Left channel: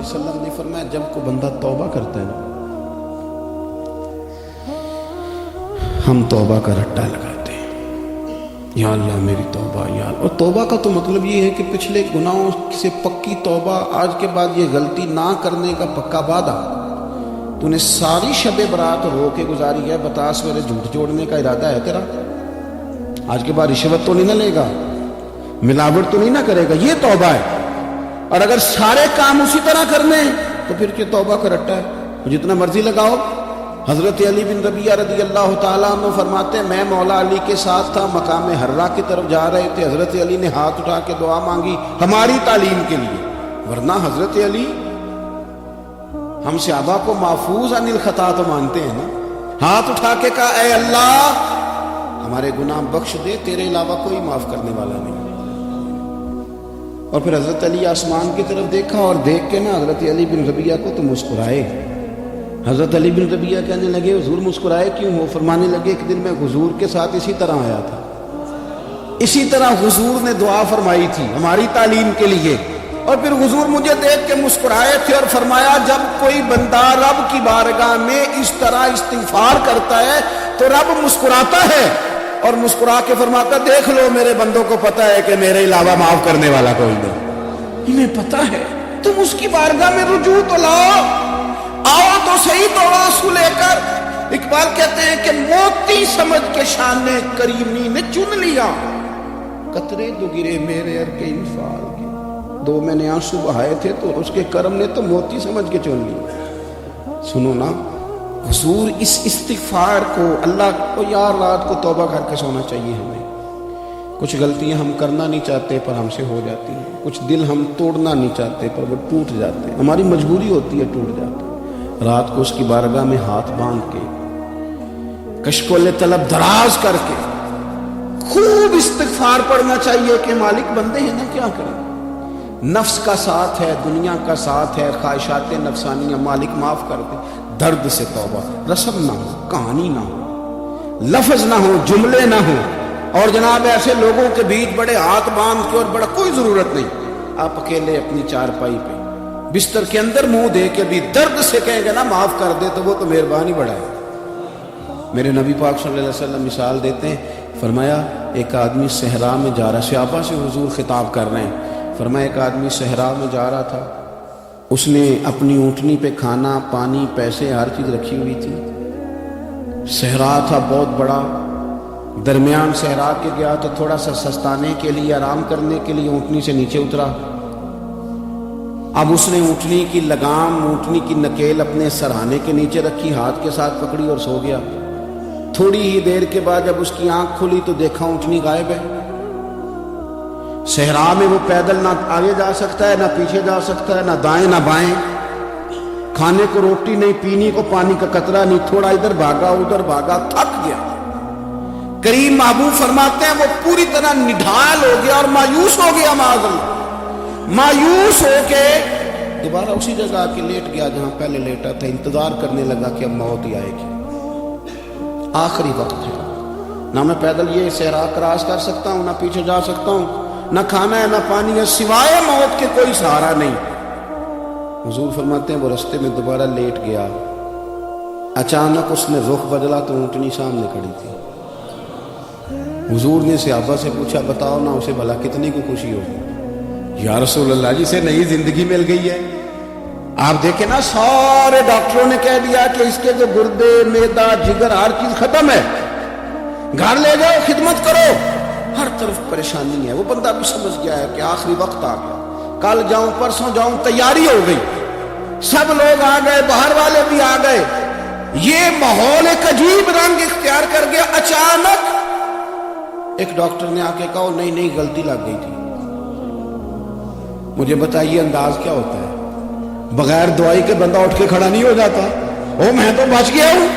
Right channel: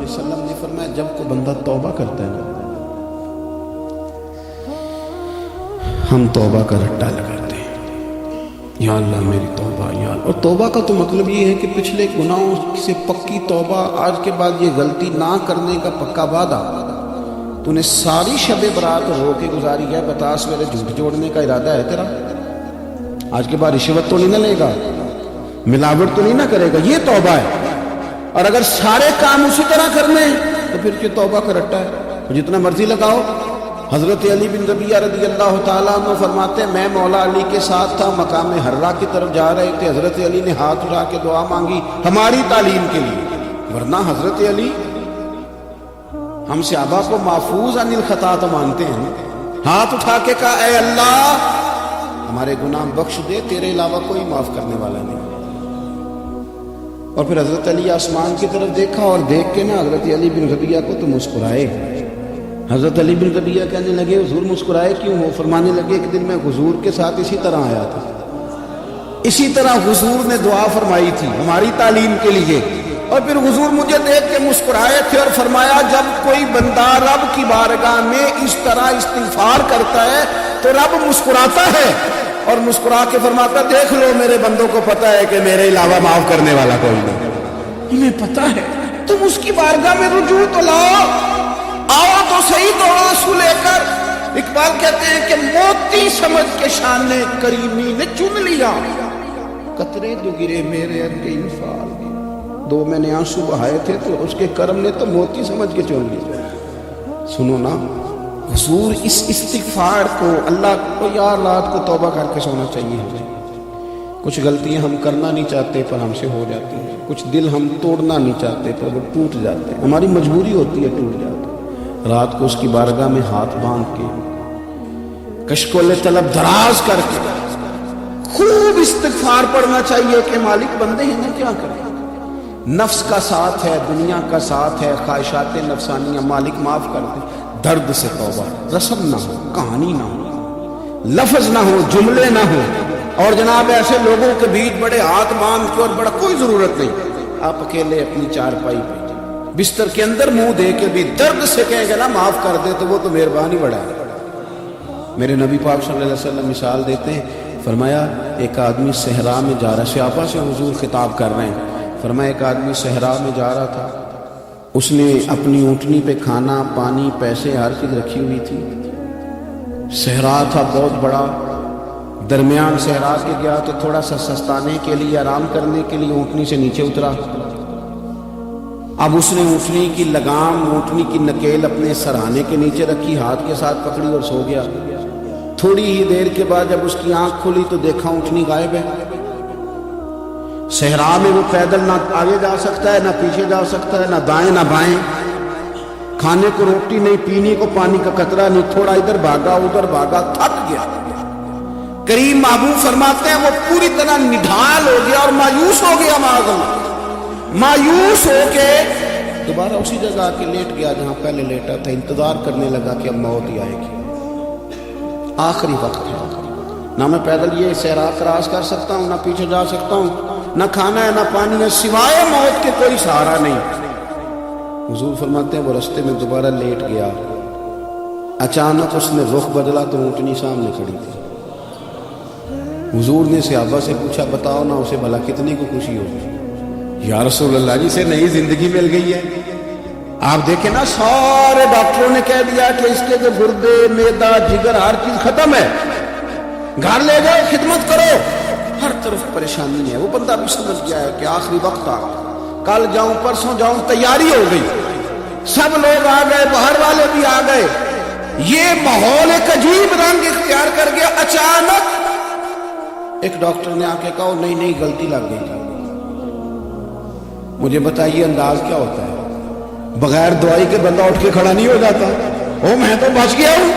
علیہ وسلم نے فرمایا جب کوئی بندہ توبہ کرتا ہے ہم توبہ کا رٹا لگاتے ہیں، یا اللہ میری توبہ یا اللہ۔ اور توبہ کا تو مطلب یہ ہے کہ پچھلے گناہوں سے پکی توبہ، آج کے بعد یہ غلطی نہ کرنے کا پکا وعدہ۔ تو نے ساری شب برات رو کے گزاری ہے، 50 بجے جوڑنے کا ارادہ ہے تیرا، آج کے بعد رشوت تو نہیں کرے گا، ملاوٹ تو نہیں نہ کرے گا، یہ توبہ ہے۔ اور اگر سارے کام اسی طرح کرنے تو پھر توبہ کا رٹا ہے، جتنا مرضی لگاؤ۔ حضرت علی بن ربیعہ رضی اللہ تعالیٰ عنہ فرماتے ہیں میں مولا علی کے ساتھ تھا، مقام حرا کی طرف جا رہے تھے، حضرت علی نے ہاتھ اٹھا کے دعا مانگی ہماری تعلیم کے لیے، ورنہ حضرت علی ہم صحابہ کو محفوظ عن الخطا تو مانتے ہیں، ہاتھ اٹھا کے کہا اے اللہ ہمارے گناہ بخش دے، تیرے علاوہ کوئی معاف کرنے والا نہیں۔ اور پھر حضرت علی آسمان کی طرف دیکھا اور دیکھ کے نا حضرت علی بن ربیعہ کو تو مسکرائے۔ حضرت علی بن ربیعہ کہنے لگے حضور مسکرائے کیوں؟ وہ فرمانے لگے ایک دن میں حضور کے ساتھ اسی طرح آیا تھا، اسی طرح حضور نے دعا فرمائی تھی ہماری تعلیم کے لیے، اور پھر حضور مجھے دیکھ کے مسکرائے تھے اور فرمایا جب کوئی بندہ رب کی بارگاہ میں اس طرح استغفار کرتا ہے تو رب مسکراتا ہے اور مسکرا کے فرماتا دیکھ لو میرے بندوں کو پتا ہے کہ میرے علاوہ معاف کرنے والا کوئی نہیں، انہیں پتا ہے، تم اس کی بارگاہ میں رجوع تو لاؤ، آؤ تو صحیح توازن لے کر۔ اقبال کہتے ہیں کہ موتی سمجھ کے شان میں کریمی نے چن لیا، قطرے تو گرے میرے اپنے وفار کے، دو میں نے آنسو بہائے تھے تو اس کے کرم نے تو موتی سمجھ کے چن لیا۔ سنو نا حضور اس استغفار کو اللہ کو یار رات کو توبہ کر کے سونا چاہیے ہمیں۔ کچھ غلطیاں ہم کرنا نہیں چاہتے پر ہم سے ہو جاتی ہیں، کچھ دل ہم توڑنا نہیں چاہتے پر وہ ٹوٹ جاتے ہیں، ہماری مجبوری ہوتی ہے ٹوٹ جاتے ہیں۔ رات کو اس کی بارگاہ میں ہاتھ باندھ کے کشکول طلب دراز کر کے خوب استغفار پڑھنا چاہیے کہ مالک بندے ہیں کیا کریں، نفس کا ساتھ ہے، دنیا کا ساتھ ہے، خواہشات نفسانیہ، مالک معاف کر دے، درد سے توبہ، رسم نہ ہو، کہانی نہ ہو، لفظ نہ ہو، جملے نہ ہو، اور جناب ایسے لوگوں کے بیچ بڑے ہاتھ باندھ کے اور بڑا کوئی ضرورت نہیں، آپ اکیلے اپنی چارپائی پہ بستر کے اندر منہ دے کے بھی درد سے کہے کہ نا معاف کر دے تو وہ تو مہربانی بڑھے۔ میرے نبی پاک صلی اللہ علیہ وسلم مثال دیتے فرمایا ایک آدمی صحرا میں جا رہا، صحابہ سے حضور خطاب کر رہے ہیں، فرمایا ایک آدمی صحرا میں جا رہا تھا، اس نے اپنی اونٹنی پہ کھانا پانی پیسے ہر چیز رکھی ہوئی تھی، صحرا تھا بہت بڑا، درمیان صحرا کے گیا تو تھوڑا سا سستانے کے لیے آرام کرنے کے لیے اونٹنی سے نیچے اترا، اب اس نے اونٹنی کی لگام اونٹنی کی نکیل اپنے سرانے کے نیچے رکھی، ہاتھ کے ساتھ پکڑی اور سو گیا۔ تھوڑی ہی دیر کے بعد جب اس کی آنکھ کھلی تو دیکھا اونٹنی غائب ہے۔ صحرا میں وہ پیدل نہ آگے جا سکتا ہے نہ پیچھے جا سکتا ہے، نہ دائیں نہ بائیں، کھانے کو روٹی نہیں، پینے کو پانی کا قطرہ نہیں، تھوڑا ادھر بھاگا ادھر بھاگا، تھک گیا۔ کئی معمول فرماتے ہیں وہ پوری طرح نڈھال ہو گیا اور مایوس ہو گیا، مایوس ہو کے دوبارہ اسی جگہ کے لیٹ گیا جہاں پہلے لیٹا تھا، انتظار کرنے لگا کہ موت ہی آئے گی، آخری وقت ہے، نہ میں پیدل یہ صحرا کراس کر سکتا ہوں، نہ پیچھے جا سکتا ہوں، نہ کھانا ہے نہ پانی ہے، سوائے موت کے کوئی سہارا نہیں۔ حضور فرماتے ہیں وہ رستے میں دوبارہ لیٹ گیا، اچانک اس نے رخ بدلا تو اونٹنی سامنے کھڑی تھی۔ حضور نے صحابہ سے پوچھا بتاؤ نا اسے بھلا کتنی خوشی ہوگی؟ یا رسول اللہ اسے نئی زندگی مل گئی ہے۔ آپ دیکھیں نا سارے ڈاکٹروں نے کہہ دیا کہ اس کے تو گردے معدہ جگر ہر چیز ختم ہے، گھر لے لو خدمت کرو، ہر طرف پریشانی ہے۔ وہ بندہ بھی سمجھ گیا ہے کہ آخری وقت آ گیا، کل جاؤں پرسوں جاؤں، تیاری ہو گئی، سب لوگ آ گئے، باہر والے بھی آ گئے، یہ ماحول ایک عجیب رنگ اختیار کر گیا۔ اچانک ایک ڈاکٹر نے آ کے کہا نہیں نہیں غلطی لگ گئی تھی، مجھے بتائیے انداز کیا ہوتا ہے؟ بغیر دوائی کے بندہ اٹھ کے کھڑا نہیں ہو جاتا، او میں تو بچ گیا ہوں۔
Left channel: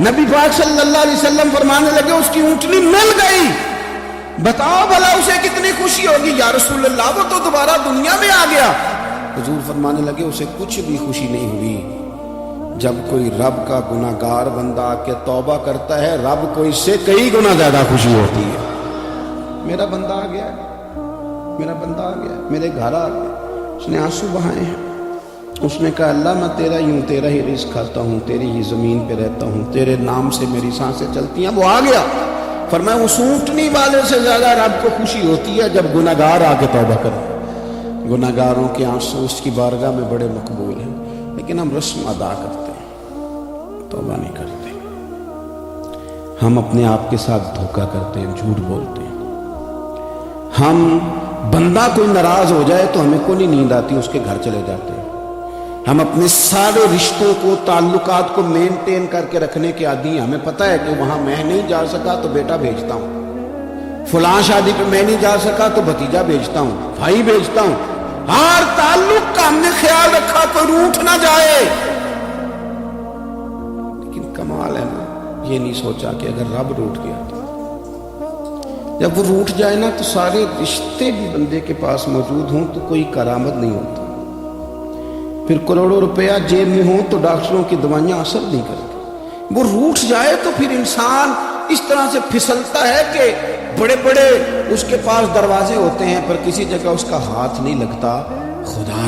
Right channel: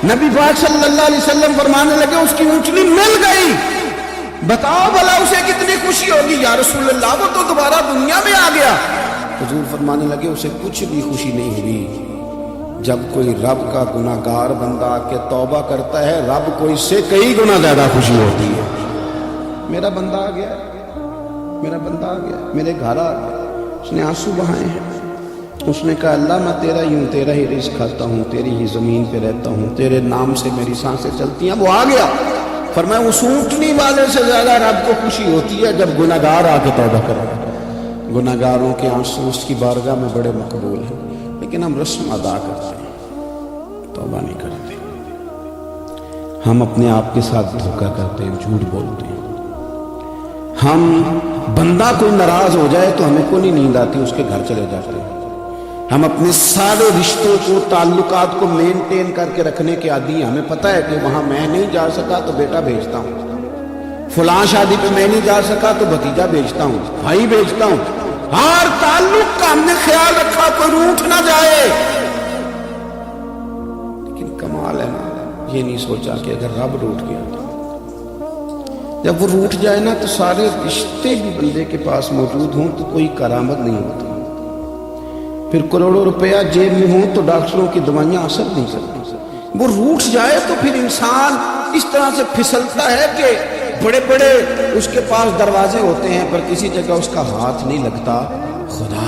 نبی پاک صلی اللہ علیہ وسلم فرمانے لگے اس کی اونٹنی مل گئی، بتاؤ بھلا اسے کتنی خوشی ہوگی؟ یا رسول اللہ وہ تو دوبارہ دنیا میں آ گیا۔ حضور فرمانے لگے اسے کچھ بھی خوشی نہیں ہوئی، جب کوئی رب کا گناہ گار بندہ آ کے توبہ کرتا ہے رب کو اس سے کئی گنا زیادہ خوشی ہوتی ہے۔ میرا بندہ آ گیا، میرا بندہ آ گیا، میرے گھر آ گیا، اس نے آنسو بہائے ہیں، اس نے کہا اللہ میں تیرا ہی ہوں، تیرا ہی رزق کھاتا ہوں، تیری ہی زمین پہ رہتا ہوں، تیرے نام سے میری سانسیں چلتی ہیں۔ وہ آ گیا، فرمایا اس اونٹنی والے سے زیادہ رب کو خوشی ہوتی ہے جب گناہگار آگے بڑھا کر۔ گناہگاروں کے آنسو اس کی بارگاہ میں بڑے مقبول ہیں، لیکن ہم رسم ادا کرتے ہیں، توبہ نہیں کرتے۔ ہم اپنے آپ کے ساتھ دھوکہ کرتے ہیں، جھوٹ بولتے ہیں۔ ہم بندہ کو ناراض ہو جائے تو ہمیں کوئی نیند آتی، اس کے گھر چلے جاتے ہیں۔ ہم اپنے سارے رشتوں کو، تعلقات کو مینٹین کر کے رکھنے کے عادی ہیں۔ ہمیں پتہ ہے کہ وہاں میں نہیں جا سکا تو بیٹا بھیجتا ہوں، فلاں شادی میں میں نہیں جا سکا تو بھتیجا بھیجتا ہوں، بھائی بھیجتا ہوں۔ ہر تعلق کا ہم نے خیال رکھا تو روٹ نہ جائے۔ لیکن کمال ہے یہ نہیں سوچا کہ اگر رب روٹ گیا، جب وہ روٹ جائے نا تو سارے رشتے ہی بندے کے پاس موجود ہوں تو کوئی کارآمد نہیں ہوتی، پھر کروڑوں روپیہ جیب میں ہوں تو ڈاکٹروں کی دوائیاں اثر نہیں کرتی۔ وہ روٹ جائے تو پھر انسان اس طرح سے پھسلتا ہے کہ بڑے بڑے اس کے پاس دروازے ہوتے ہیں پر کسی جگہ اس کا ہاتھ نہیں لگتا۔ خدا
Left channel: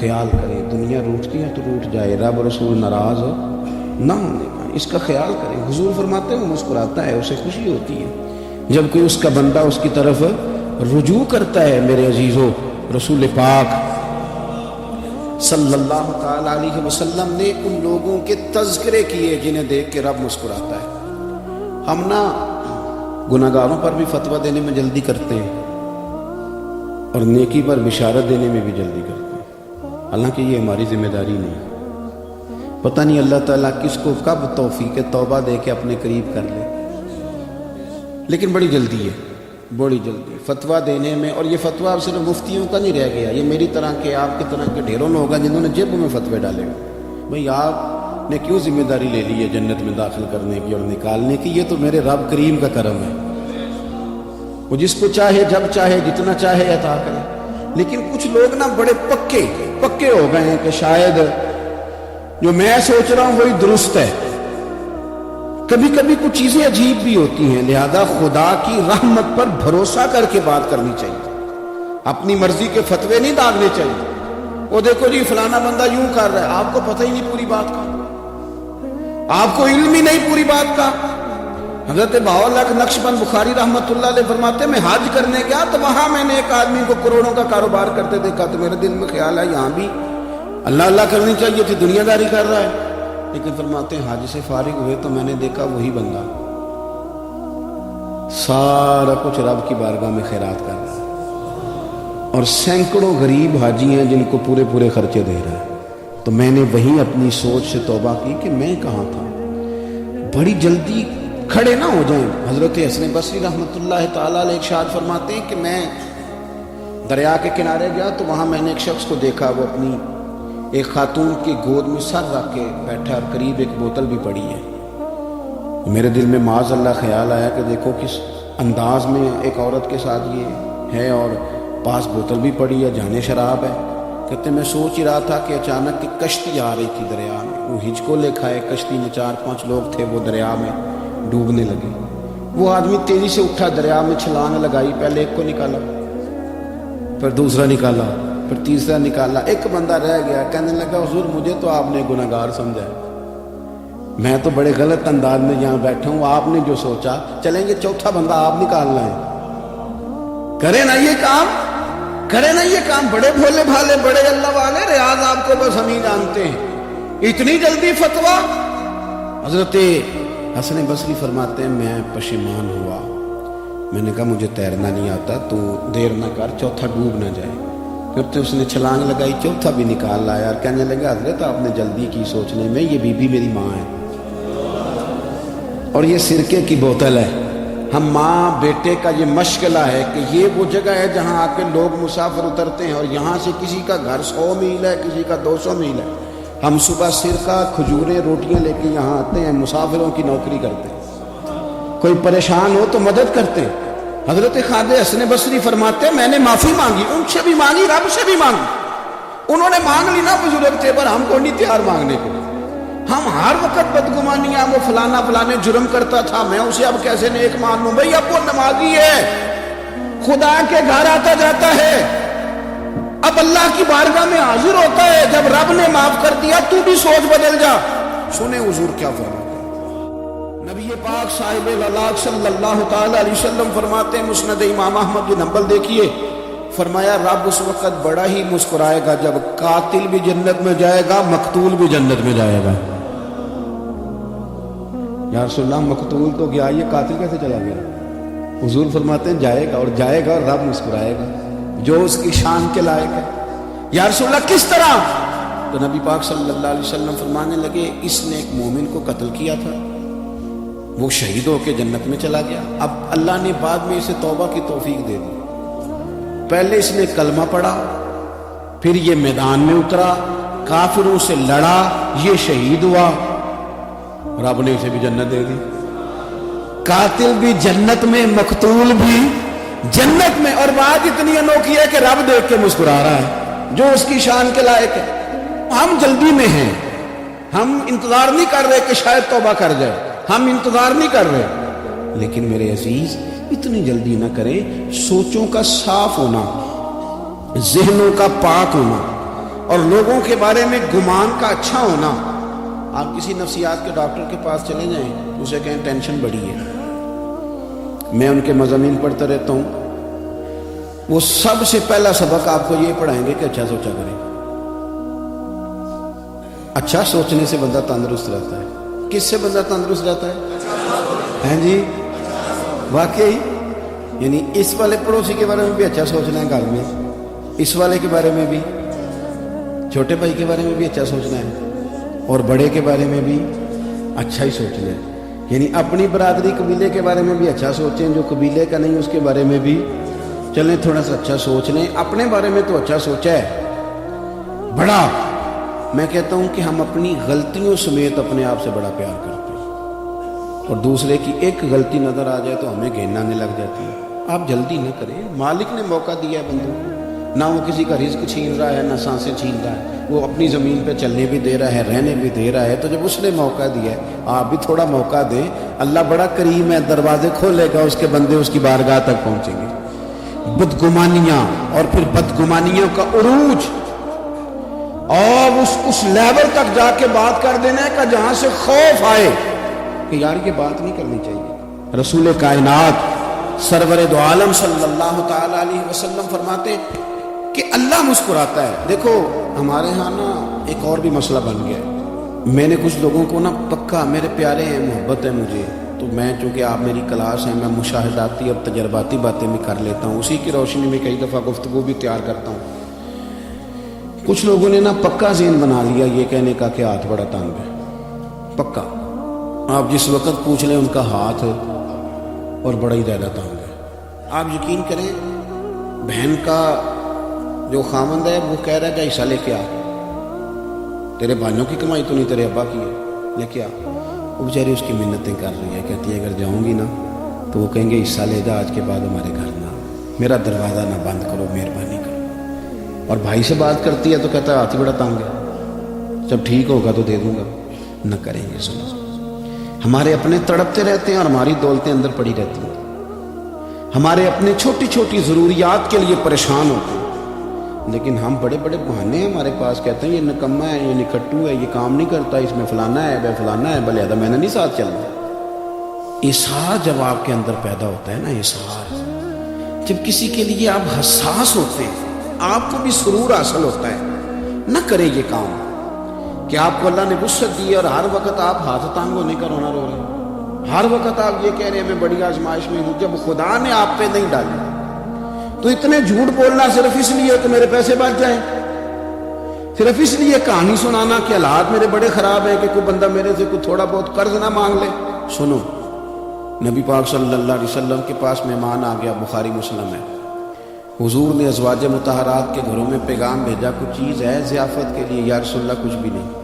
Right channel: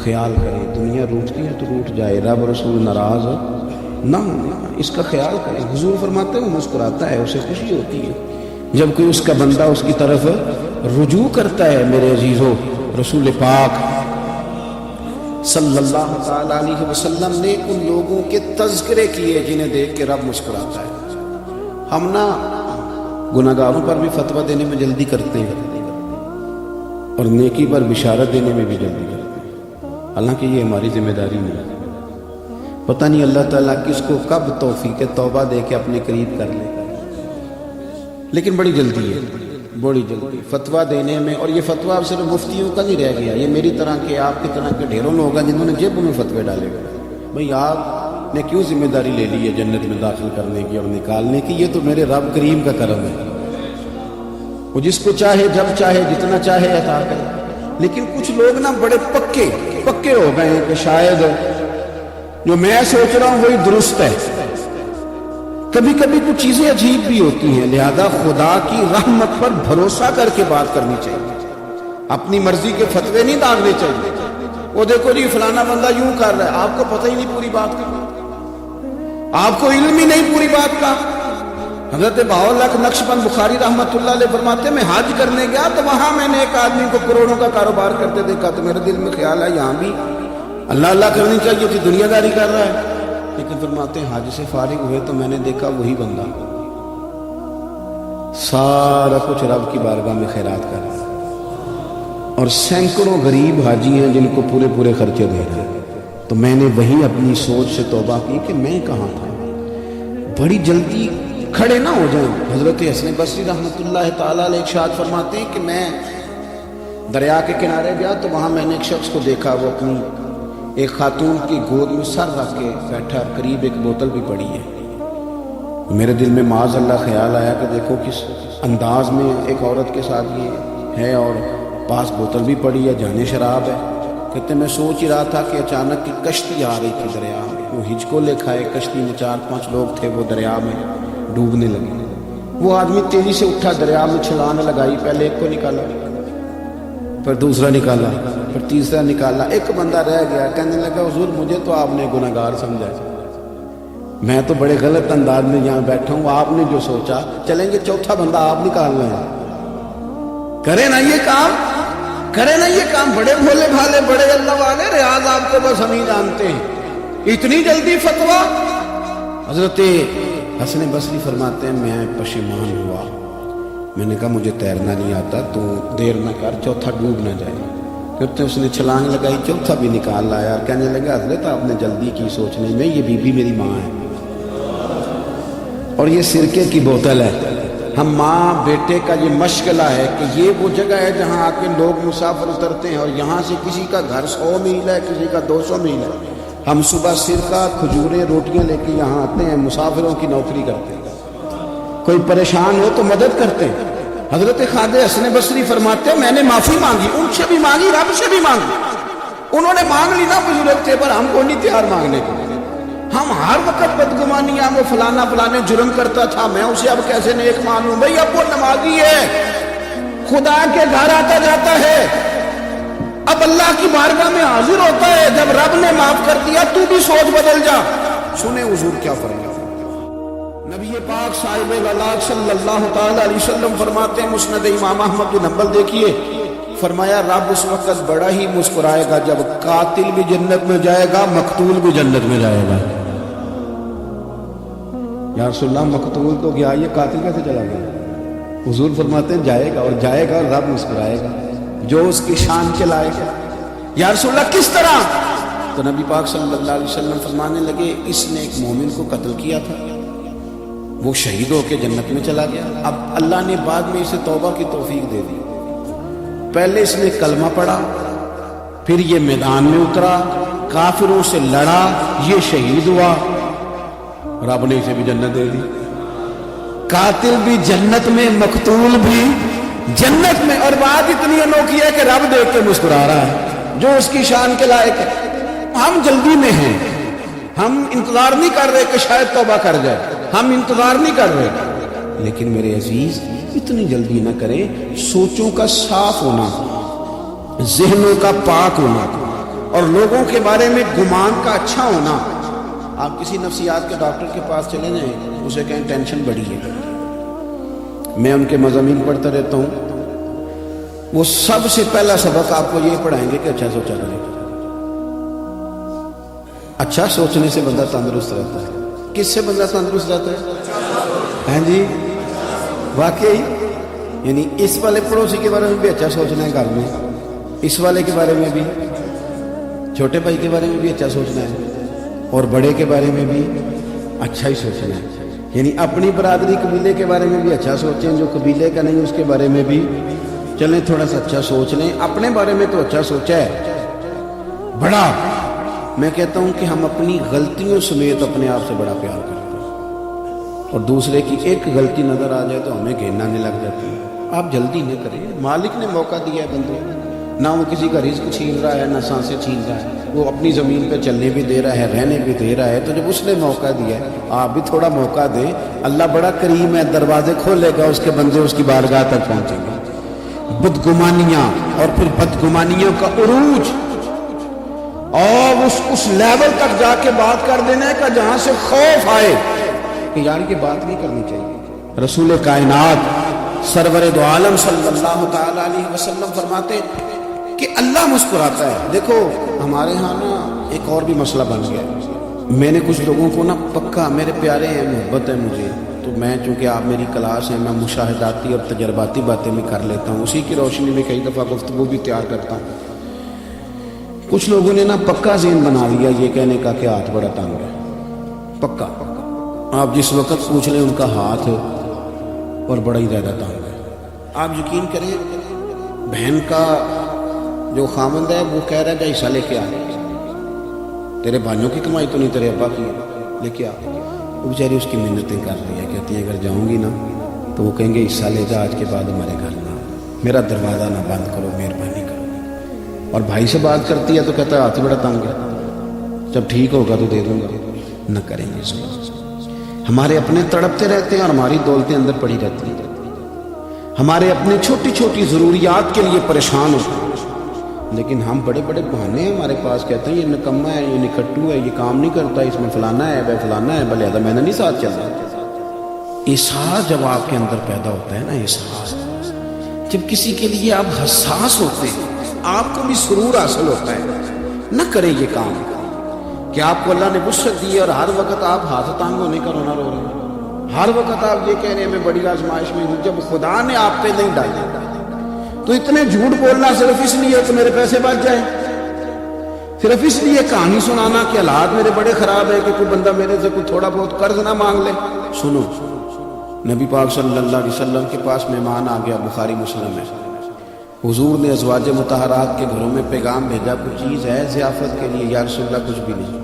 خیال کرے، دنیا روٹتی ہے تو روٹ جائے، رب رسول ناراض نہ ہونا، اس کا خیال کرے۔ حضور فرماتے ہیں وہ مسکراتا ہے، اسے خوشی ہوتی ہے جبکہ اس کا بندہ اس کی طرف رجوع کرتا ہے۔ میرے عزیزو، رسول پاک صلی اللہ علیہ وسلم نے ان لوگوں کے تذکرے کیے جنہیں دیکھ کے رب مسکراتا ہے۔ ہم نا گناہگاروں پر بھی فتویٰ دینے میں جلدی کرتے ہیں اور نیکی پر بشارت دینے میں بھی جلدی کرتے ہیں، حالانکہ یہ ہماری ذمہ داری نہیں ہے۔ پتہ نہیں اللہ تعالیٰ کس کو کب توفیق توبہ دے کے اپنے قریب کر لے، لیکن بڑی جلدی ہے، بڑی جلدی فتویٰ دینے میں۔ اور یہ فتویٰ صرف مفتیوں کا نہیں رہ گیا، یہ میری طرح کے، آپ کی طرح کے ڈھیروں لوگ ہیں جنہوں نے جیب میں فتوے ڈالے ہوئے۔ بھئی آپ نے کیوں ذمہ داری لے لی ہے جنت میں داخل کرنے کی اور نکالنے کی؟ یہ تو میرے رب کریم کا کرم ہے، وہ جس کو چاہے جب چاہے جتنا چاہے عطا کرے۔ لیکن کچھ لوگ نا بڑے پکے ہو گئے ہیں کہ شاید جو میں سوچ رہا ہوں وہی درست ہے۔ کبھی کبھی کچھ چیزیں عجیب بھی ہوتی ہیں، لہذا خدا کی رحمت پر بھروسہ کر کے بات کرنی چاہیے، اپنی مرضی کے فتوے نہیں ڈالنے چاہیے۔ وہ دیکھو جی فلانا بندہ یوں کر رہا ہے، آپ کو پتہ ہی نہیں پوری بات کا، آپ کو علم ہی نہیں پوری بات کا۔ حضرت باوردہ نقشبند بخاری رحمۃ اللہ علیہ فرماتے ہیں میں حج کرنے گیا تو وہاں میں نے ایک آدمی کو کروڑوں کا کاروبار کرتے دیکھا تو میرے دل میں خیال ہے یہاں بھی اللہ کرنی چاہیے کہ دنیا داری کر رہا ہے۔ لیکن فرماتے ہیں حج سے فارغ ہوئے تو میں نے دیکھا وہی بندہ سارا کچھ رب کی بارگاہ میں خیرات کر رہا ہے اور سینکڑوں غریب حاجی ہیں جن کو پورے خرچے دے رہے ہیں۔ تو میں نے وہی اپنی سوچ سے توبہ کی کہ میں کہاں تھا، بڑی جلدی کھڑے نہ ہو جائیں۔ حضرت حسن بصری رحمۃ اللہ تعالیٰ علیہ ارشاد فرماتے ہیں کہ میں دریا کے کنارے گیا تو وہاں میں نے ایک شخص کو دیکھا، وہ اپنی ایک خاتون کی گود میں سر رکھ کے بیٹھا، قریب ایک بوتل بھی پڑی ہے۔ میرے دل میں معاذ اللہ خیال آیا کہ دیکھو کس انداز میں ایک عورت کے ساتھ یہ ہے اور پاس بوتل بھی پڑی ہے، جھنڈے شراب ہے۔ کہتے میں سوچ رہا تھا کہ اچانک ایک کشتی آ رہی تھی دریا میں، وہ ہچکو لے کھائے، کشتی میں 4-5 لوگ تھے، وہ دریا میں ڈوبنے لگے۔ وہ آدمی تیزی سے اٹھا، دریا میں چھلانگ لگائی، پہلے ایک کو نکالا، پھر دوسرا نکالا، پھر تیسرا نکالا، ایک بندہ رہ گیا۔ کہنے لگا حضور مجھے تو آپ نے گنہگار سمجھا، میں تو بڑے غلط انداز میں یہاں بیٹھا ہوں، آپ نے جو سوچا چلیں گے چوتھا بندہ آپ نکالنا ہے، کرے نا یہ کام، کرے نا یہ کام، بڑے بھولے بھالے بڑے اللہ والے، ریاض آپ کو بس ہم ہی جانتے ہیں، اتنی جلدی فتویٰ۔ حضرت حسن بصری فرماتے ہیں میں پشیمان ہوا، میں نے کہا مجھے تیرنا نہیں آتا تو دیر نہ کر، چوتھا ڈوب نہ جائے۔ پھر تو اس نے چھلانگ لگائی، چوتھا بھی نکال آیا۔ کہنے لگا حضرت آپ نے جلدی کی سوچنے میں، یہ بی بی میری ماں ہے اور یہ سرکے کی بوتل ہے۔ ہم ماں بیٹے کا یہ مشغلہ ہے کہ یہ وہ جگہ ہے جہاں آ کے لوگ مسافر کرتے ہیں اور یہاں سے کسی کا گھر 100 میل ہے، کسی کا 200 میل ہے۔ ہم صبح سرکہ کھجوریں روٹیاں لے کے یہاں آتے ہیں، مسافروں کی نوکری کرتے ہیں، کوئی پریشان ہو تو مدد کرتے ہیں۔ حضرت خواجہ حسن بصری فرماتے ہیں میں نے معافی مانگی، ان سے بھی مانگی، رب سے بھی مانگی۔ انہوں نے مانگ لی نا مجھ بچے پر، ہم کو نہیں تیار مانگنے کو۔ ہم ہر وقت بدگمانیاں کو فلانا فلانے جرم کرتا تھا، میں اسے اب کیسے نیک مانوں؟ بھئی اب وہ نمازی ہے، خدا کے گھر آتا جاتا ہے، اب اللہ کی بارگاہ میں حاضر ہوتا ہے، جب رب سوچ بدل جا. سنیں حضور کیا فرماتے. نبی پاک صاحب اللہ صلی اللہ تعالی علیہ وسلم فرماتے ہیں مسند امام احمد بن حنبل دیکھیے, فرمایا رب اس وقت بڑا ہی مسکرائے گا جب قاتل بھی جنت میں جائے گا, مقتول بھی جنت میں جائے گا. یا رسول اللہ مقتول تو گیا, یہ قاتل کیسے جائے گا؟ حضور فرماتے ہیں جائے گا, اور جائے گا اور رب مسکرائے گا جو اس کی شان کے لائق ہے. یا رسول اللہ کس طرح؟ تو نبی پاک صلی اللہ علیہ وسلم فرمانے لگے اس نے ایک مومن کو قتل کیا تھا, وہ شہید ہو کے جنت میں چلا گیا. اب اللہ نے بعد میں اسے توبہ کی توفیق دے دی. پہلے اس نے کلمہ پڑھا, پھر یہ میدان میں اترا, کافروں سے لڑا, یہ شہید ہوا, رب نے اسے بھی جنت دے دی. قاتل بھی جنت میں, مقتول بھی جنت میں. اور بات اتنی انوکھی ہے کہ رب دیکھ کے مسکرا رہا ہے جو اس کی شان کے لائق ہے. ہم جلدی میں ہیں, ہم انتظار نہیں کر رہے کہ شاید توبہ کر جائے, ہم انتظار نہیں کر رہے. لیکن میرے عزیز اتنی جلدی نہ کریں. سوچوں کا صاف ہونا, ذہنوں کا پاک ہونا, اور لوگوں کے بارے میں گمان کا اچھا ہونا. آپ کسی نفسیات کے ڈاکٹر کے پاس چلے جائیں, اسے کہیں ٹینشن بڑھی ہے, میں ان کے مضامین پڑھتا رہتا ہوں, وہ سب سے پہلا سبق آپ کو یہ پڑھائیں گے کہ اچھا سوچا کریں. اچھا سوچنے سے بندہ تندرست رہتا ہے. کس سے بندہ تندرست رہتا ہے جی؟ واقعی یعنی اس والے پڑوسی کے بارے میں بھی اچھا سوچنا ہے کام میں, اس والے کے بارے میں بھی, چھوٹے بھائی کے بارے میں بھی اچھا سوچنا ہے, اور بڑے کے بارے میں بھی اچھا ہی سوچنا ہے. یعنی اپنی برادری قبیلے کے بارے میں بھی اچھا سوچیں, جو قبیلے کا نہیں اس کے بارے میں بھی چلیں تھوڑا سا اچھا سوچ لیں. اپنے بارے میں تو اچھا سوچا ہے بڑا. میں کہتا ہوں کہ ہم اپنی غلطیوں سمیت اپنے آپ سے بڑا پیار کرتے ہیں, اور دوسرے کی ایک غلطی نظر آ جائے تو ہمیں گھینا نہیں لگ جاتی ہے. آپ جلدی نہیں کریں, مالک نے موقع دیا ہے, نہ وہ کسی کا رزق چھین رہا ہے نہ سانسیں چھین رہا ہے, وہ اپنی زمین پہ چلنے بھی دے رہا ہے, رہنے بھی دے رہا ہے. تو جب اس نے موقع دیا ہے آپ بھی تھوڑا موقع دیں. اللہ بڑا کریم ہے, دروازے کھولے گا, اس کے بندے اس کی بارگاہ تک پہنچیں گے. بدگمانیاں اور پھر بدگمانیوں کا عروج, اور اس لیول تک جا کے بات کر دینا ہے کہ جہاں سے خوف آئے کہ یار یہ بات نہیں کرنی چاہیے. رسول کائنات سرور دو عالم صلی اللہ تعالی علیہ وسلم فرماتے کہ اللہ مسکراتا ہے. دیکھو ہمارے ہاں نا ایک اور بھی مسئلہ بن گیا. میں نے کچھ لوگوں کو نا پکا, میرے پیارے ہیں, محبت ہے مجھے, تو میں چونکہ آپ میری کلاس ہے, میں مشاہداتی اور تجرباتی باتیں بھی کر لیتا ہوں, اسی کی روشنی میں کئی دفعہ گفتگو بھی تیار کرتا ہوں. کچھ لوگوں نے نا پکا ذہن بنا لیا یہ کہنے کا کہ ہاتھ بڑا تنگ ہے. پکا آپ جس وقت پوچھ رہے ہیں ان کا ہاتھ اور بڑا ہی زیادہ تنگ ہے. آپ یقین کریں بہن کا جو خامد ہے وہ کہہ رہا ہے کہ حصہ لے کے آ, تیرے بھائیوں کی کمائی تو نہیں, تیرے ابا کی لے کے آ. وہ بیچاری اس کی محنتیں کر رہی ہے, کہتی ہے اگر جاؤں گی نا تو وہ کہیں گے حصہ لے جا, آج کے بعد میرے گھر نا, میرا دروازہ نہ بند کرو, مہربانی کرو. اور بھائی سے بات کرتی ہے تو کہتا ہے ہاتھ تھوڑا تنگ ہے, جب ٹھیک ہوگا تو دے دوں گا. نہ کریں گے. ہمارے اپنے تڑپتے رہتے ہیں اور ہماری دولتیں اندر پڑی رہتی ہیں. ہمارے اپنے چھوٹی چھوٹی ضروریات کے لیے پریشان ہوتے ہیں, لیکن ہم بڑے بڑے بہانے ہمارے پاس کہتے ہیں یہ نکما ہے, یہ نکٹو ہے, یہ کام نہیں کرتا, اس میں فلانا ہے, وہ فلانا ہے, بھلے میں نے نہیں ساتھ چلتا. احساس جب آپ کے اندر پیدا ہوتا ہے نا, احساس جب کسی کے لیے آپ حساس ہوتے ہیں, آپ کو بھی سرور حاصل ہوتا ہے. نہ کریں یہ کام کہ آپ کو اللہ نے غصت دی اور ہر وقت آپ حاضران کو لے کر بنا ہوگا, ہر وقت آپ یہ کہہ رہے ہیں میں بڑی آزمائش میں ہوں, جب خدا نے آپ پہ نہیں ڈالا تو اتنے جھوٹ بولنا صرف اس لیے تو میرے پیسے بچ جائیں, صرف اس لیے کہانی سنانا کہ حالات میرے بڑے خراب ہیں کہ کوئی بندہ میرے سے کوئی تھوڑا بہت قرض نہ مانگ لے. سنو, نبی پاک صلی اللہ علیہ وسلم کے پاس مہمان آ گیا, بخاری مسلم ہے, حضور نے ازواج مطہرات کے گھروں میں پیغام بھیجا کوئی چیز ہے ضیافت کے لیے, یا رسول اللہ کچھ بھی نہیں,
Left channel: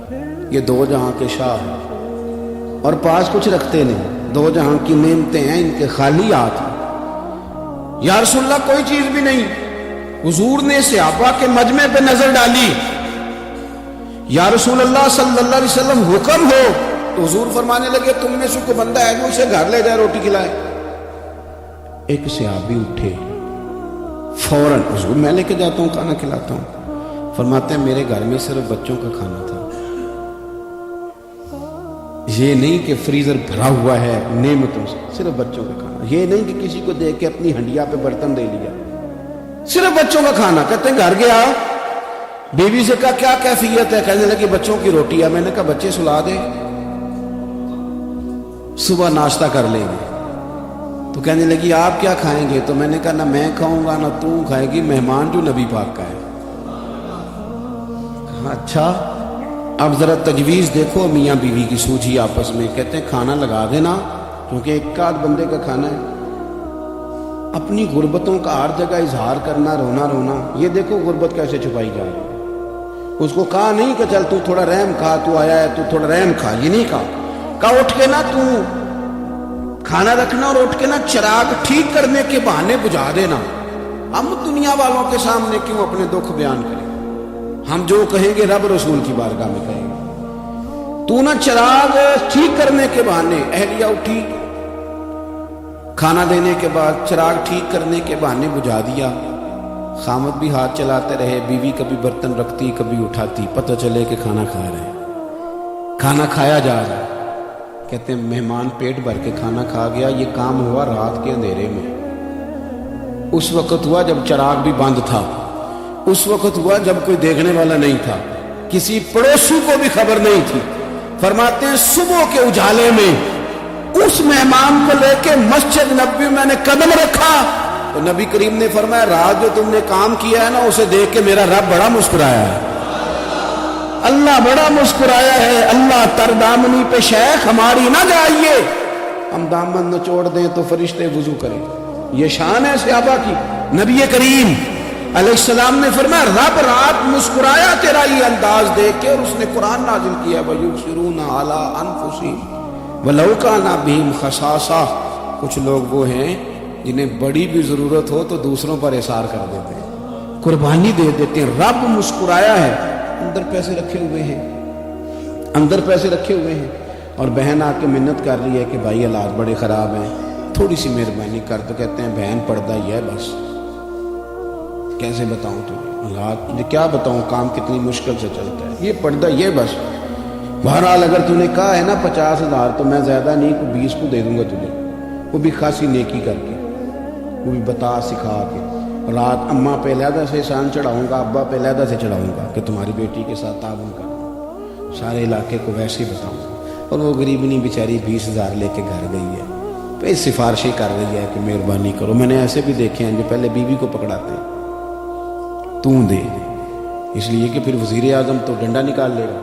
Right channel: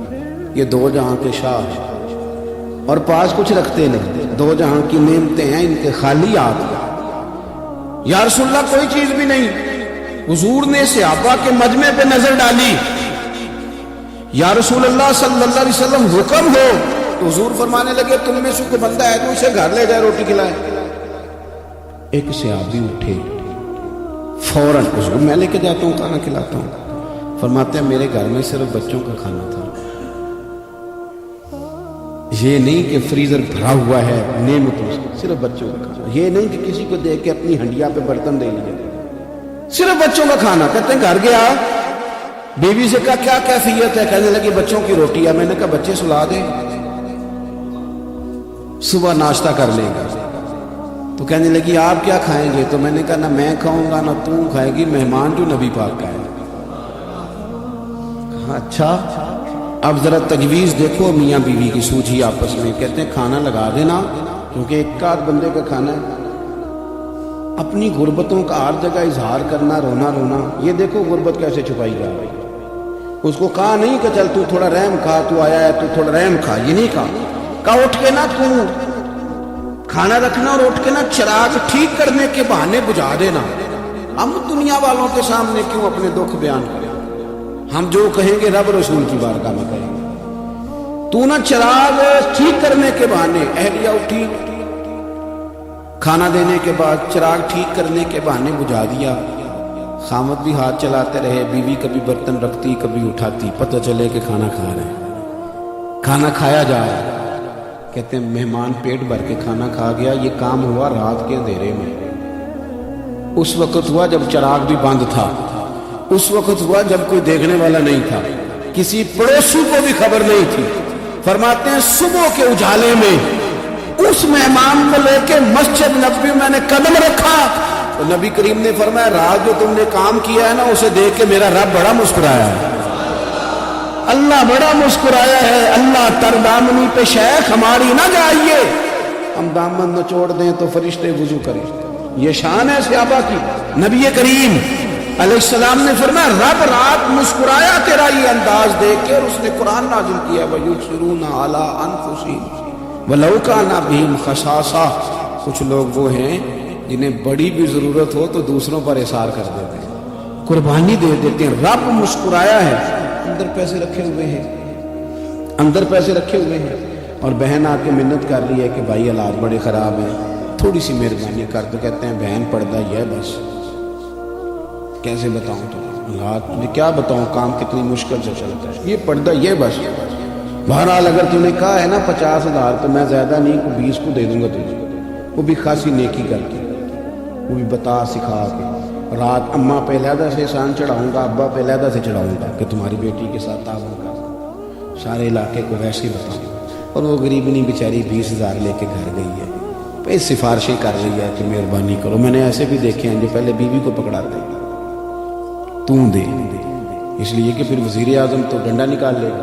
یہ دو جہاں کے شاہ اور پاس کچھ رکھتے ہیں, دو جہاں کی نعمتیں ہیں ان کے خالی آپ, یا رسول اللہ کوئی چیز بھی نہیں. حضور نے صحابہ کے مجمع پہ نظر ڈالی, یا رسول اللہ صلی اللہ علیہ وسلم حکم ہو. حضور فرمانے لگے تم نے شکر بندہ ہے کچھ سے گھر لے گئے روٹی کھلائے. ایک صحابی اٹھے فوراً, حضور میں لے کے جاتا ہوں کھانا کھلاتا ہوں. فرماتے ہیں میرے گھر میں صرف بچوں کا کھانا تھا, یہ نہیں کہ فریزر بھرا ہوا ہے نعمتوں سے، صرف بچوں کا. یہ نہیں کہ کسی کو دے کے اپنی ہنڈیا پہ برتن دے لیا، صرف بچوں کا کھانا. کہتے گھر گیا بیوی سے کہا کیا کیفیت ہے، کہنے لگے بچوں کی روٹیاں. میں نے کہا بچے سلا دے، صبح ناشتہ کر لیں گے. تو کہنے لگی آپ کیا کھائیں گے؟ تو میں نے کہا نہ میں کھاؤں گا نہ تم کھائے گی، مہمان بھی نبی پاک کا ہے. اچھا اب ذرا تجویز دیکھو میاں بیوی کی سوچی آپس میں. کہتے ہیں کھانا لگا دینا، کیونکہ ایک کا بندے کا کھانا ہے. اپنی غربتوں کا ہر جگہ اظہار کرنا، رونا رونا. یہ دیکھو غربت کیسے چھپائی جا رہی ہے. اس کو کہا نہیں کہ چل تو تھوڑا رحم کھا، تو آیا ہے تو تھوڑا رحم کھا. یہ نہیں کہا اٹھ کے نا تو کھانا رکھنا اور اٹھ کے نا چراغ ٹھیک کرنے کے بہانے بجھا لینا. ہم دنیا والوں کے سامنے کیوں اپنے دکھ بیان کریں؟ ہم جو کہیں گے رب رسول کی بارگاہ میں کہیں گے. تو نہ چراغ ٹھیک کرنے کے بہانے. اہلیہ اٹھی کھانا دینے کے بعد چراغ ٹھیک کرنے کے بہانے بجھا دیا. خامد بھی ہاتھ چلاتے رہے، بیوی کبھی برتن رکھتی کبھی اٹھاتی، پتہ چلے کہ کھانا کھا رہے ہیں. کھانا کھایا جا رہا ہے. کہتے ہیں مہمان پیٹ بھر کے کھانا کھا گیا. یہ کام ہوا رات کے اندھیرے میں. اس وقت ہوا جب چراغ بھی بند تھا. اس وقت ہوا جب کوئی دیکھنے والا نہیں تھا، کسی پڑوسی کو بھی خبر نہیں تھی. فرماتے ہیں صبح کے اجالے میں اس مہمان کو لے کے مسجد نبوی میں نے قدم رکھا تو نبی کریم نے فرمایا رات جو تم نے کام کیا ہے نا اسے دیکھ کے میرا رب بڑا مسکرایا ہے. اللہ بڑا مسکرایا ہے. اللہ تر دامنی پہ شیخ ہماری نہ جائیے، ہم دامن نہ چھوڑ دیں تو فرشتے وضو کریں. یہ شان ہے صحابہ کی. نبی کریم علیہ السلام نے فرمایا رب رات مسکرایا تیرا یہ انداز دیکھ کے. اس نے قرآن نازل کیا وَيُؤْثِرُونَ عَلَىٰ أَنفُسِهِمْ وَلَوْ كَانَ بِهِمْ خَصَاصَةٌ. کچھ لوگ وہ ہیں جنہیں بڑی بھی ضرورت ہو تو دوسروں پر احسان کر دیتے ہیں، قربانی دے دیتے. رب مسکرایا ہے. اندر پیسے رکھے ہوئے ہیں، اندر پیسے رکھے ہوئے ہیں اور بہن آ کے محنت کر رہی ہے کہ بھائی حالات بڑے خراب ہیں، تھوڑی سی مہربانی کر. تو کہتے ہیں بہن پردہ یہ ہے بس. کیسے بتاؤں تو حالات میں کیا بتاؤں، کام کتنی مشکل سے چلتا ہے. یہ پردہ یہ بس. بہرحال اگر تم نے کہا ہے نا 50,000 تو میں زیادہ نہیں 20 کو دے دوں گا تجھے. وہ بھی خاصی نیکی کرتی، وہ بھی بتا سکھا کے. رات اماں پہ علیحدہ سے شان چڑھاؤں گا، ابا پہ علیحدہ سے چڑھاؤں گا کہ تمہاری بیٹی کے ساتھ آؤں گا. سارے علاقے کو ایسے ہی بتاؤں. اور وہ غریبنی بیچاری 20,000 لے کے گھر گئی ہے، پھر سفارشیں کر رہی ہے کہ مہربانی کرو. میں نے ایسے بھی دیکھے ہیں پہلے بیوی کو پکڑاتے تم دے، اس لیے کہ پھر وزیر اعظم تو ڈنڈا نکال لے گا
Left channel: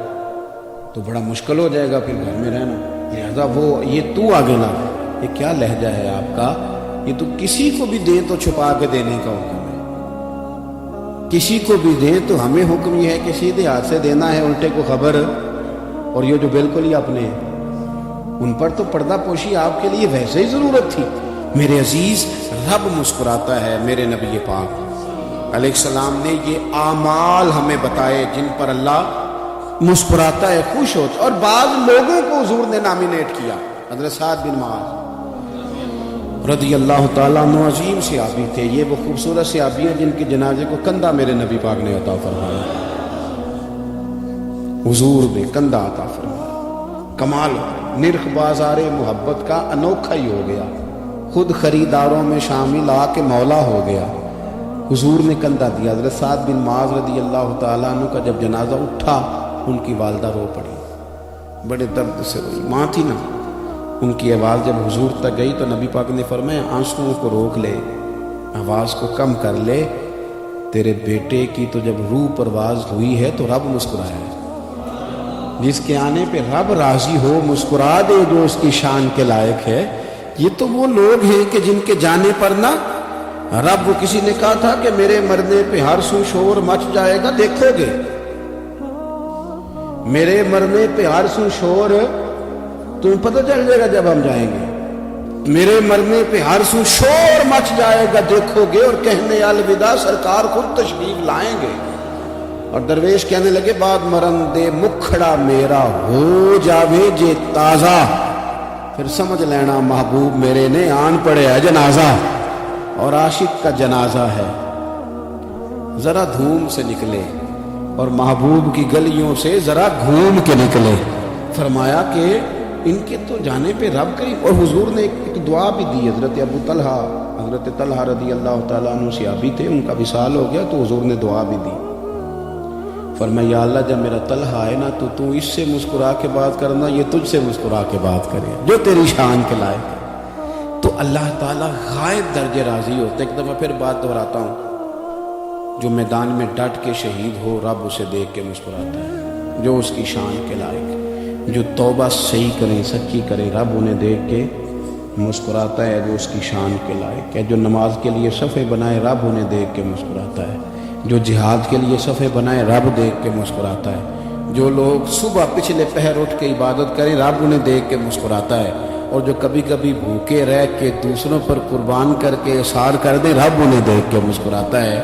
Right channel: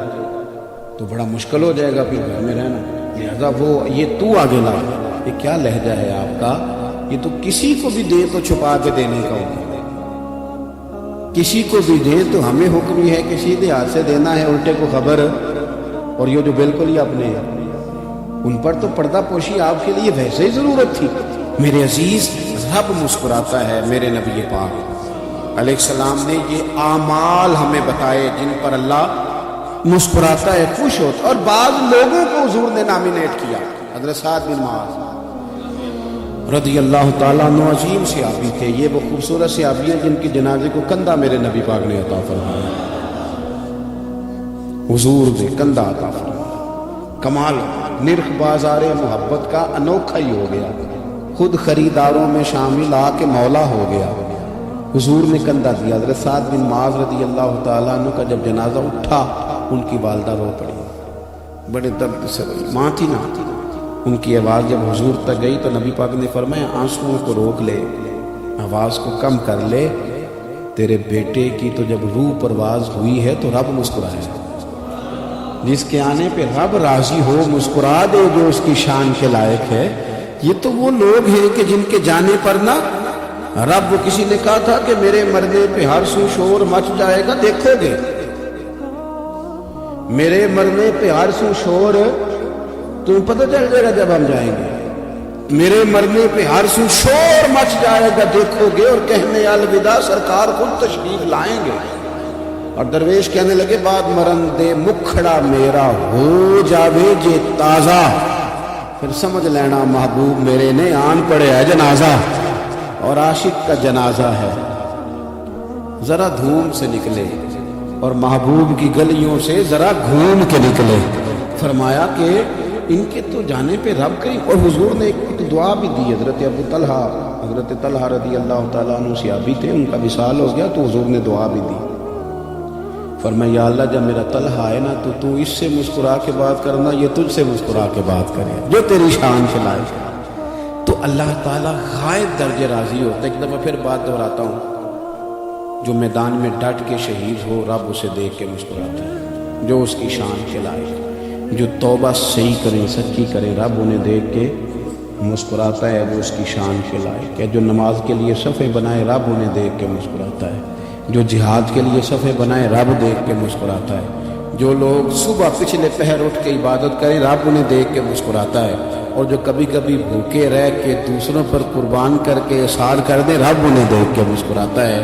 تو بڑا مشکل ہو جائے گا پھر گھر میں رہنا. لہٰذا وہ یہ تو آگے لا. یہ کیا لہجہ ہے آپ کا؟ یہ تو کسی کو بھی دے تو چھپا کے دینے کا ہوگا. کسی کو بھی دے تو ہمیں حکم یہ ہے کہ سیدھے ہاتھ سے دینا ہے، الٹے کو خبر. اور یہ تو بالکل ہی اپنے ان پر تو پردہ پوشی آپ کے لیے ویسے ہی ضرورت تھی. میرے عزیز رب مسکراتا ہے. میرے نبی پاک علیہ السلام نے یہ اعمال ہمیں بتائے جن پر اللہ مسکراتا ہے، خوش ہو. اور بعض لوگوں کو حضور نے نامینیٹ کیا. حضرت سعد بن معاذ رضی اللہ تعالیٰ عنہ عظیم صحابی تھے. یہ وہ خوبصورت صحابی ہیں جن کی جنازے کو کندھا میرے نبی پاک نے عطا فرمایا. حضور نے کندھا عطا فرمایا. کمال نرخ بازار محبت کا انوکھا ہی ہو گیا. خود خریداروں میں شامل آ کے مولا ہو گیا. حضور نے کندھا دیا. حضرت سعد بن معاذ رضی اللہ تعالیٰ عنہ کا جب جنازہ اٹھا ان کی والدہ رو پڑی، بڑے درد سے. ماں تھی نا، ان کی آواز جب حضور تک گئی تو نبی پاک نے فرمایا آنسوؤں کو روک لے، آواز کو کم کر لے. تیرے بیٹے کی تو جب روح پرواز ہوئی ہے تو رب مسکرائے. جس کے آنے پہ رب راضی ہو مسکرا دے جو اس کی شان کے لائق ہے. یہ تو وہ لوگ ہیں کہ جن کے جانے پر نا رب، کسی نے کہا تھا کہ میرے مرنے پہ ہر سو شور مچ جائے گا، دیکھو گے میرے مرنے پہ ہر سو شور تم پتہ چل جائے گا جب ہم جائیں گے. میرے مرنے پہ ہر سو شور مچ جائے گا، دیکھو گے. اور کہتے ہیں الوداع سرکار کو تشریف لائیں گے. اور درویش کہنے لگے بات مرن دے مکھڑا میرا ہو جاوے جے تازہ. پھر سمجھ لینا محبوب میرے نے آن پڑے ہے جنازہ، اور عاشق کا جنازہ ہے. ذرا دھوم سے نکلے اور محبوب کی گلیوں سے ذرا گھوم کے نکلے. فرمایا کہ ان کے تو جانے پہ رب کریم. اور حضور نے ایک دعا بھی دی. حضرت ابو طلحہ رضی اللہ تعالیٰ عنہ صحابی تھے, ان کا وصال ہو گیا تو حضور نے دعا بھی دی. فرمایا یا اللہ جب میرا طلحہ آئے نا تو اس سے مسکرا کے بات کرنا, یہ تجھ سے مسکرا کے بات کرے جو تیری شان کے لائق. تو اللہ تعالیٰ غائب درجے راضی ہوتے. ایک دفعہ پھر بات دہراتا ہوں, جو میدان میں ڈٹ کے شہید ہو رب اسے دیکھ کے مسکراتا ہے جو اس کی شان کے لائق. جو توبہ صحیح کرے سچی کرے رب انہیں دیکھ کے مسکراتا ہے وہ اس کی شان کے لائق ہے. جو نماز کے لیے صفے بنائے رب انہیں دیکھ کے مسکراتا ہے. جو جہاد کے لیے صفے بنائے رب دیکھ کے مسکراتا ہے. جو لوگ صبح پچھلے پہر اٹھ کے عبادت کریں رب انہیں دیکھ کے مسکراتا ہے. اور جو کبھی کبھی بھوکے رہ کے دوسروں پر قربان کر کے احسان کر دے رب انہیں دیکھ کے مسکراتا ہے.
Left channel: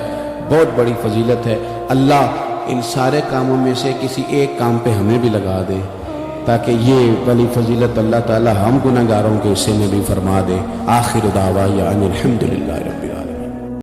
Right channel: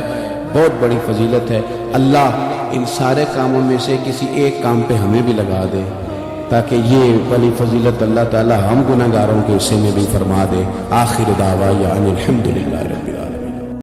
بہت بڑی فضیلت ہے. اللہ ان سارے کاموں میں سے کسی ایک کام پہ ہمیں بھی لگا دے تاکہ یہ بڑی فضیلت اللہ تعالی ہم گناہگاروں کے حصے میں بھی فرما دے. آخر دعوانا الحمدللہ.